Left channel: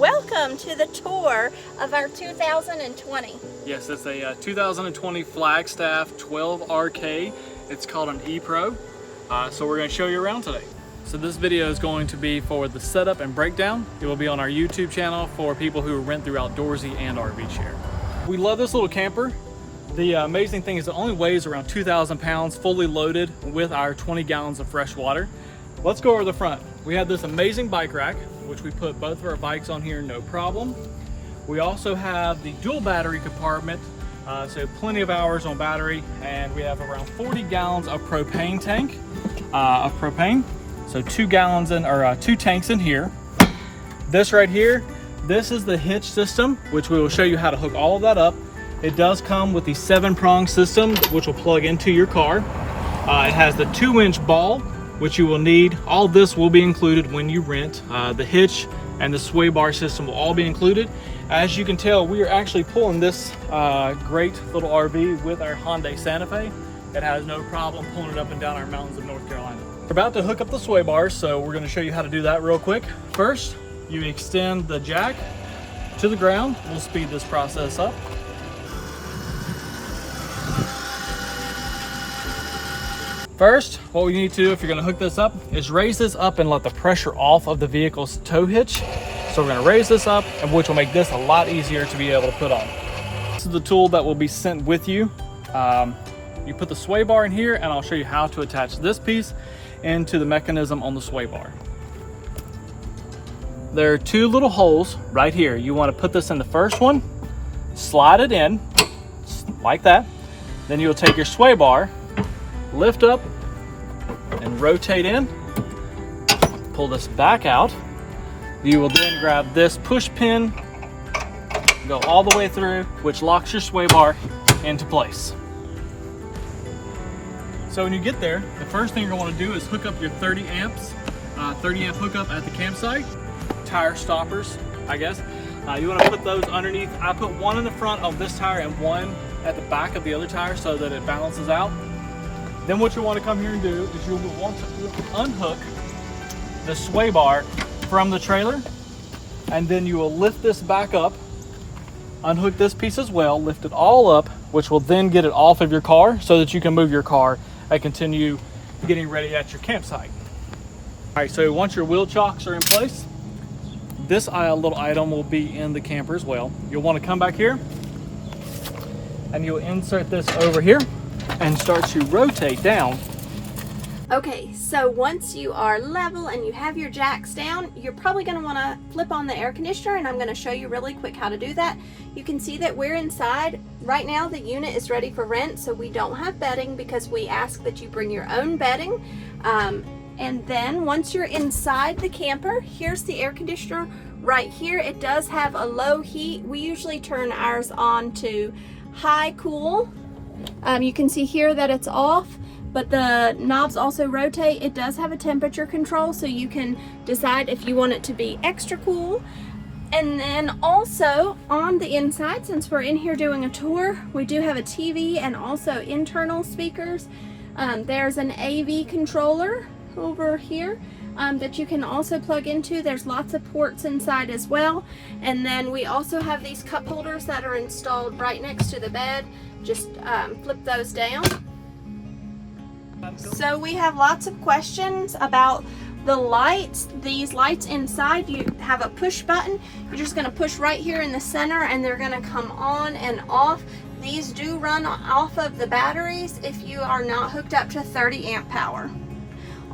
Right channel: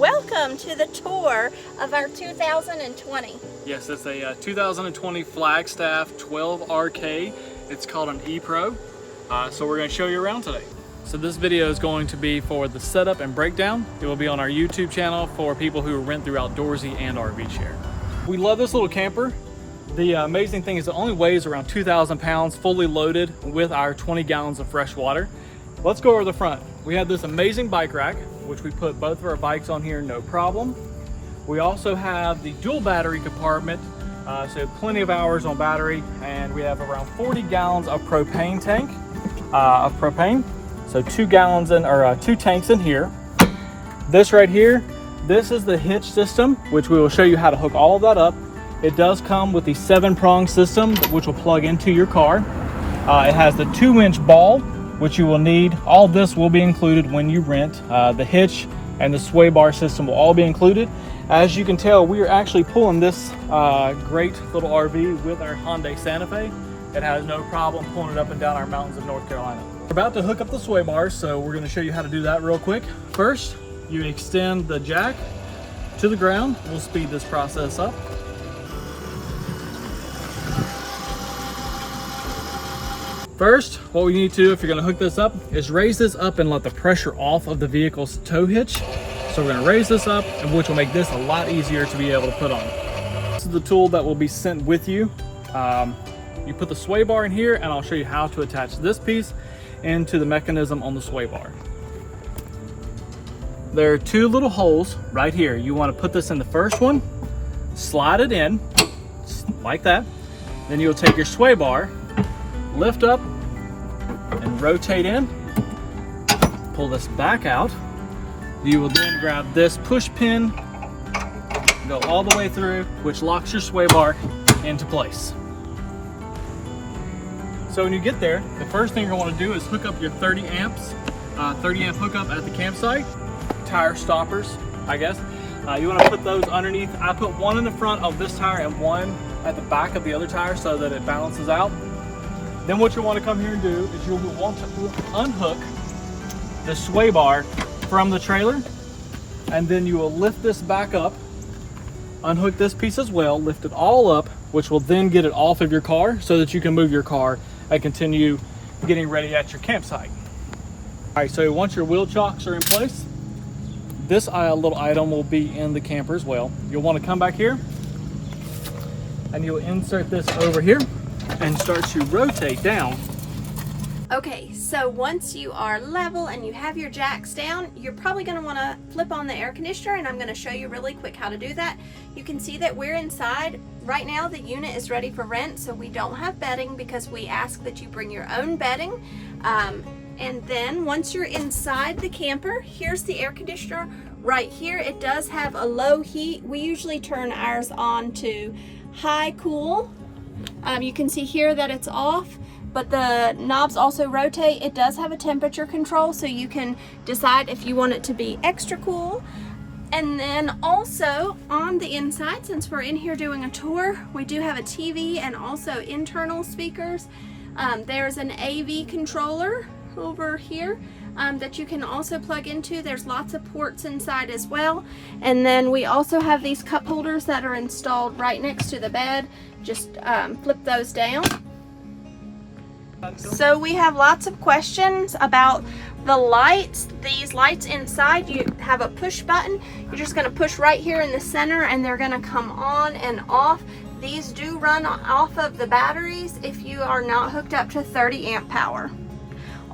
Welcome to the tour of our 2020. Yes, it's a 2020 Flagstaff 12RK. It's called an Epro. So we're going to show you around today. So this video is going to be for the setup and breakdown. It will be on our YouTube channel for people who rent through Outdoorsy and RV Share. We love this little camper. The amazing thing is it only weighs around 2,000 pounds, fully loaded with our 20 gallons of fresh water. Let's go over the front. We have this amazing bike rack, which we put both of our bikes on here, no problem. We also have the dual battery compartment, so plenty of hours on battery, and we have around 40 gallons of propane tank of propane. So 2 gallons in, or 2 tanks in here. This right here, this is the hitch system, which we will show you how to hook all of that up. It does come with the 7-prong system, which will plug into your car. It has the 2-inch ball, which you will need. All this will be included when you rent. The hitch and the sway bar system will all be included. As you can tell, we are actually pulling this great little RV with our Hyundai Santa Fe. It has no problem pulling it up and down our mountains of North Carolina. We're about to hook up the sway bars, so we're going to show you how to do that real quick. First, you extend the jack to the ground. We'll speed this process up. First, what we need to do if you're going to hook this up is raise this up and let the pressure off of the vehicle's tow hitch. So we're going to raise this up, which will make this a lot easier to be able to put on. This is the tool that will be sent with you. You put the sway bar in here, and I'll show you how to attach this piece into the mechanism on the sway bar. There are 2 little holes right here. You want to put this in the first one, slide it in like that. Then you'll take your sway bar, lift up and rotate in, pull this back out. You will then grab this push pin, go all the way through, which locks your sway bar into place. So when you get there, the first thing you're going to want to do is hook up your 30 amp hookup at the campsite. Tire stoppers, I guess. You want to put those underneath. I put one in the front of this tire and one at the back of the other tire so that it balances out. Then what you want to come here and do is you'll want to unhook the sway bar from the trailer, and then you will lift this back up, unhook this piece as well, lift it all up, which will then get it off of your car so that you can move your car and continue getting ready at your campsite. All right, so once your wheel chocks are in place, this little item will be in the camper as well. You'll want to come back here and you'll insert this over here and start to rotate down. Okay, so once you are level and you have your jacks down, you're probably going to want to flip on the air conditioner, and I'm going to show you really quick how to do that. You can see that we're inside. Right now the unit is ready for rent, so we don't have bedding because we ask that you bring your own bedding. And then once you're inside the camper, here's the air conditioner right here. It does have a low heat. We usually turn ours on to high cool. You can see here that it's off, but the knobs also rotate. It does have a temperature control, so you can decide if you want it to be extra cool. And then also on the inside, since we're in here doing a tour, we do have a TV and also internal speakers. There's an AV controller over here that you can also plug into. There's lots of ports inside as well. And then we also have these cup holders that are installed right next to the bed. Just flip those down. So we have lots of questions about the lights. These lights inside, you have a push button. You're just going to push right here in the center and they're going to come on and off. These do run off of the batteries if you are not hooked up to 30 amp power.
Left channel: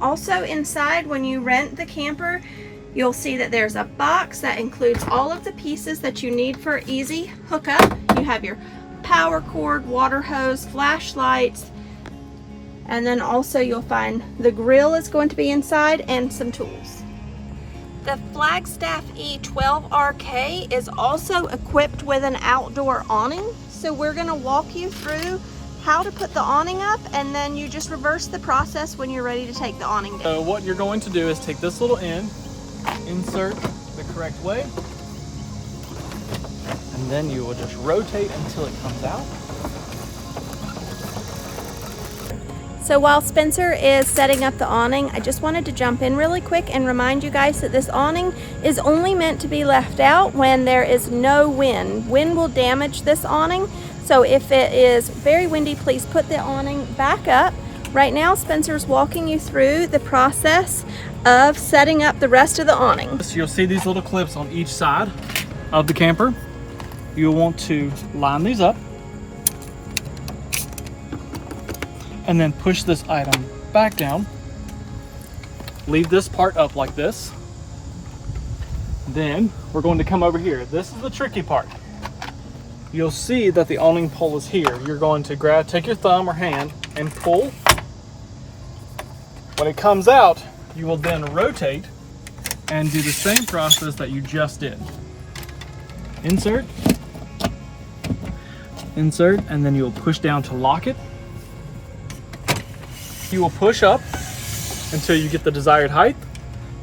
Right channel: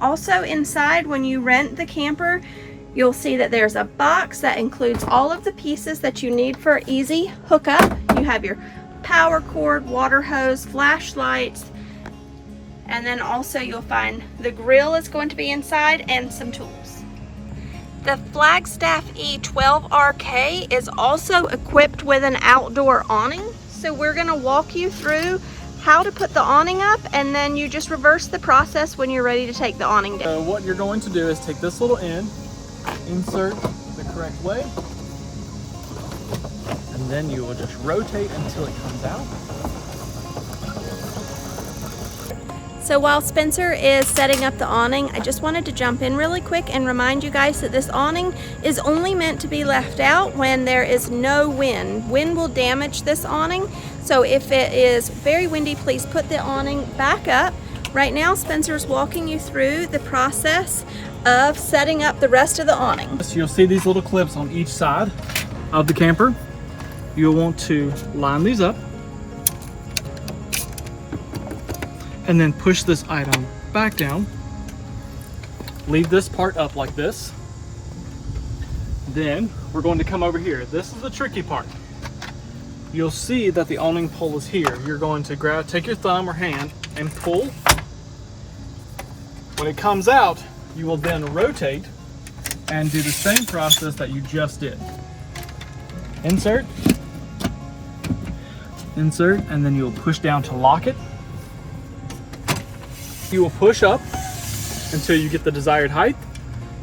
Also inside, when you rent the camper, you'll see that there's a box that includes all of the pieces that you need for easy hookup. You have your power cord, water hose, flashlights, and then also you'll find the grill is going to be inside and some tools. The Flagstaff E12RK is also equipped with an outdoor awning. So we're going to walk you through how to put the awning up, and then you just reverse the process when you're ready to take the awning down. So what you're going to do is take this little end, insert the correct way, and then you will just rotate until it comes out. So while Spencer is setting up the awning, I just wanted to jump in really quick and remind you guys that this awning is only meant to be left out when there is no wind. Wind will damage this awning. So if it is very windy, please put the awning back up. Right now, Spencer's walking you through the process of setting up the rest of the awning. So you'll see these little clips on each side of the camper. You'll want to line these up and then push this item back down. Leave this part up like this. Then we're going to come over here. This is the tricky part. You'll see that the awning pole is here. You're going to take your thumb or hand and pull. When it comes out, you will then rotate and do the same process that you just did. Insert, insert, and then you'll push down to lock it. You will push up until you get the desired height.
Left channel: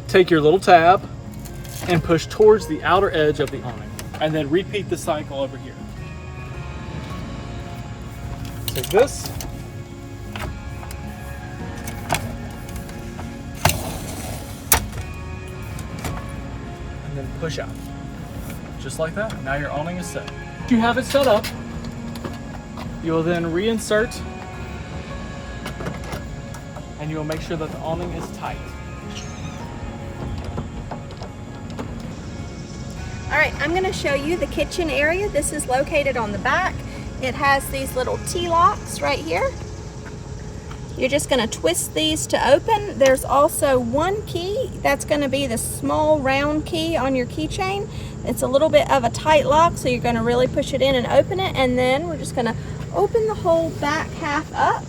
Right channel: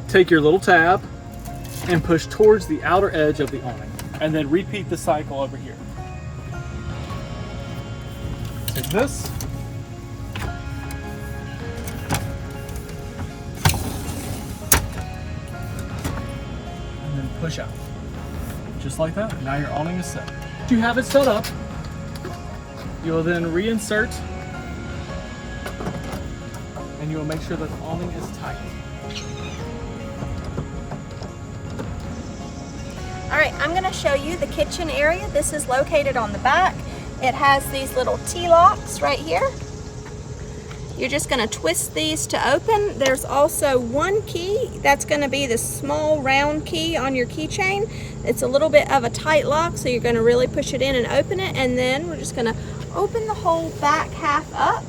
Take your little tab and push towards the outer edge of the awning, and then repeat the cycle over here. Take this, and then push out. Just like that. Now your awning is set. If you have it set up, you'll then reinsert, and you'll make sure that the awning is tight. All right, I'm gonna show you the kitchen area. This is located on the back. It has these little T-locks right here. You're just gonna twist these to open. There's also one key. That's gonna be the small round key on your keychain. It's a little bit of a tight lock, so you're gonna really push it in and open it, and then we're just gonna open the whole back half up.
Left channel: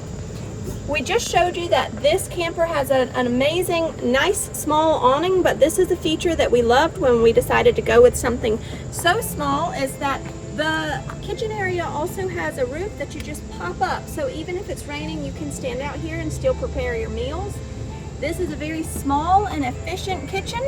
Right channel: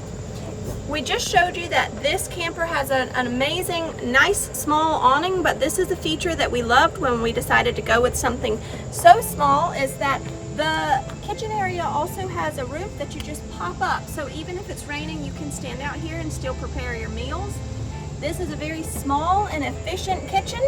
We just showed you that this camper has an amazing, nice, small awning, but this is a feature that we loved when we decided to go with something so small, is that the kitchen area also has a roof that you just pop up. So even if it's raining, you can stand out here and still prepare your meals. This is a very small and efficient kitchen.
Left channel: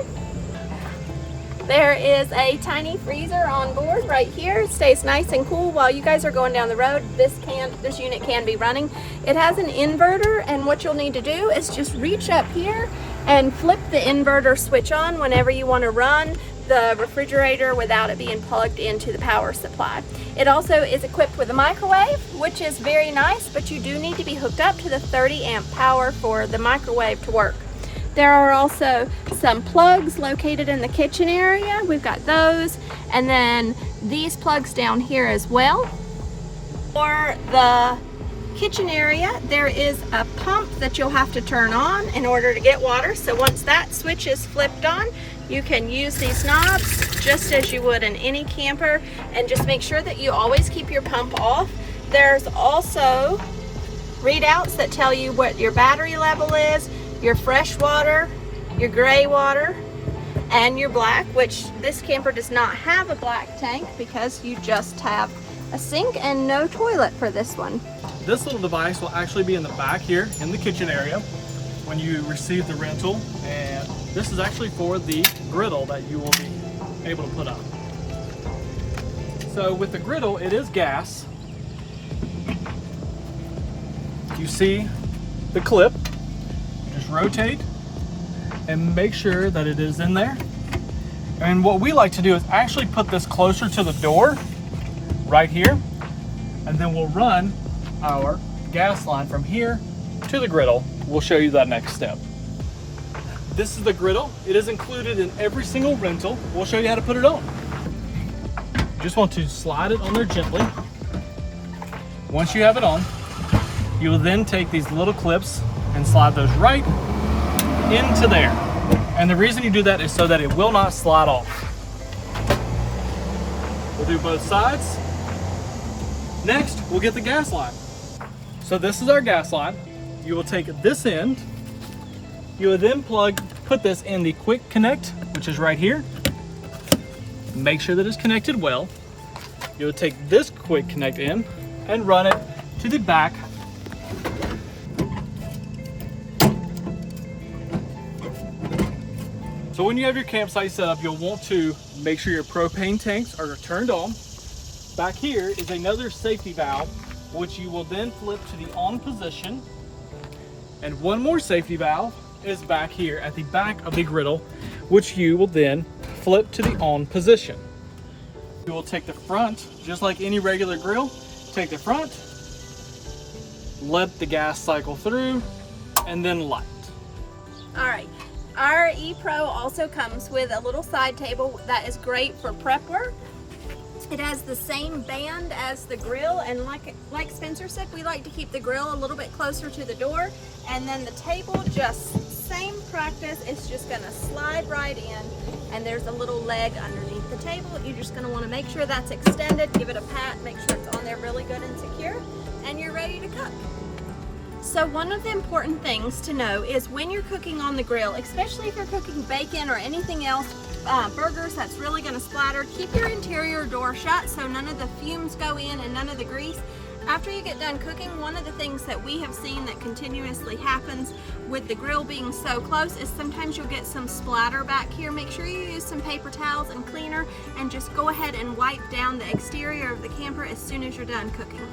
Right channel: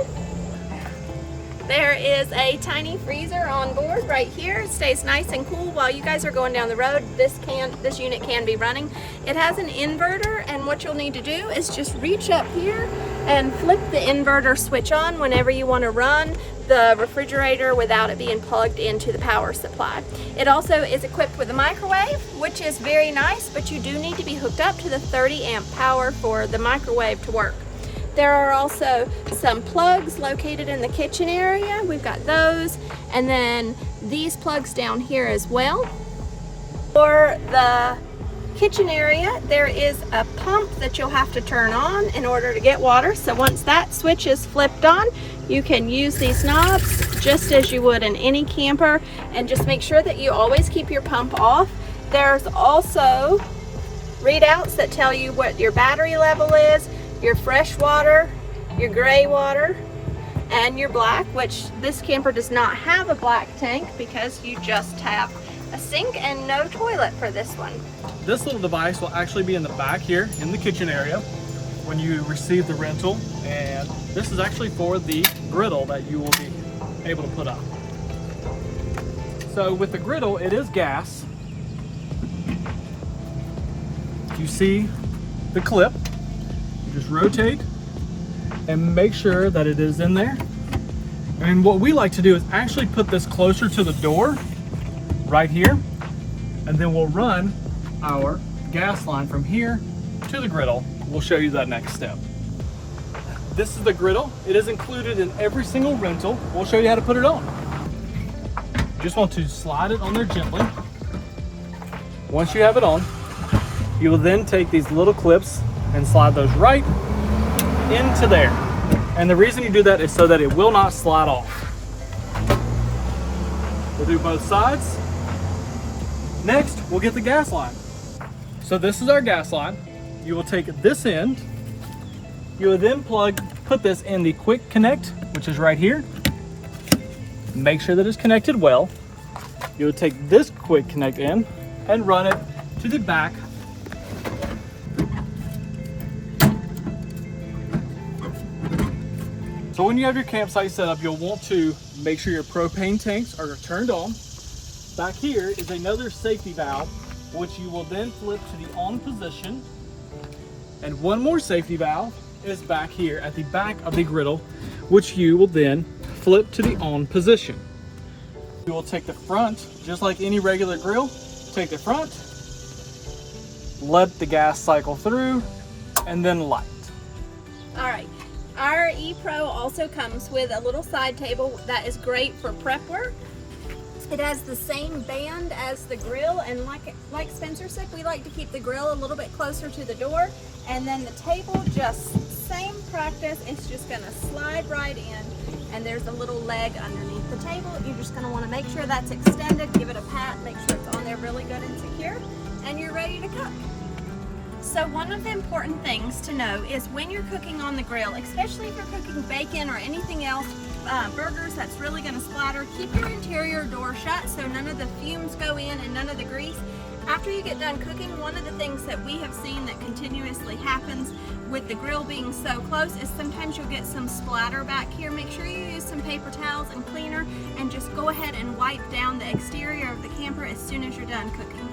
There is a tiny freezer on board right here. It stays nice and cool while you guys are going down the road. This unit can be running. It has an inverter, and what you'll need to do is just reach up here and flip the inverter switch on whenever you want to run the refrigerator without it being plugged into the power supply. It also is equipped with a microwave, which is very nice, but you do need to be hooked up to the 30 amp power for the microwave to work. There are also some plugs located in the kitchen area. We've got those, and then these plugs down here as well. For the kitchen area, there is a pump that you'll have to turn on in order to get water. So once that switch is flipped on, you can use these knobs just as you would in any camper, and just make sure that you always keep your pump off. There's also readouts that tell you what your battery level is, your fresh water, your gray water, and your black, which this camper does not have a black tank because you just have a sink and no toilet for this one. This little device will actually be in the back here in the kitchen area when you receive the rental, and this is actually for the griddle that you will be able to put up. So with the griddle, it is gas. You see the clip. Just rotate and make sure that it is in there. And what we like to do is actually put this closer to the door right here, and then we'll run our gas line from here to the griddle. We'll show you that next step. This is the griddle. It is included in every single rental. We'll show you how to put it on. You just want to slide it on there gently. Once you have it on, you will then take these little clips and slide those right into there. And the reason you do that is so that it will not slide off. We'll do both sides. Next, we'll get the gas line. So this is our gas line. You will take this end. You will then put this in the quick connect, which is right here. Make sure that it's connected well. You will take this quick connect in and run it to the back. So when you have your campsite set up, you'll want to make sure your propane tanks are turned on. Back here is another safety valve, which you will then flip to the on position. And one more safety valve is back here at the back of the griddle, which you will then flip to the on position. You will take the front, just like any regular grill, take the front, let the gas cycle through, and then light. All right, our Epro also comes with a little side table that is great for prep work. It has the same band as the grill, and like Spencer said, we like to keep the grill a little bit closer to the door, and then the table, just same practice. It's just gonna slide right in, and there's a little leg underneath the table. You're just gonna wanna make sure that's extended, give it a pat, make sure it's on there really good and secure, and you're ready to cook. So one of the important things to know is when you're cooking on the grill, especially if you're cooking bacon or anything else, burgers that's really going to splatter, keep your interior door shut so none of the fumes go in and none of the grease. After you get done cooking, one of the things that we have seen that continuously happens with the grill being so close is sometimes you'll get some splatter back here. Make sure you use some paper towels and cleaner, and just go ahead and wipe down the exterior of the camper as soon as you're done cooking.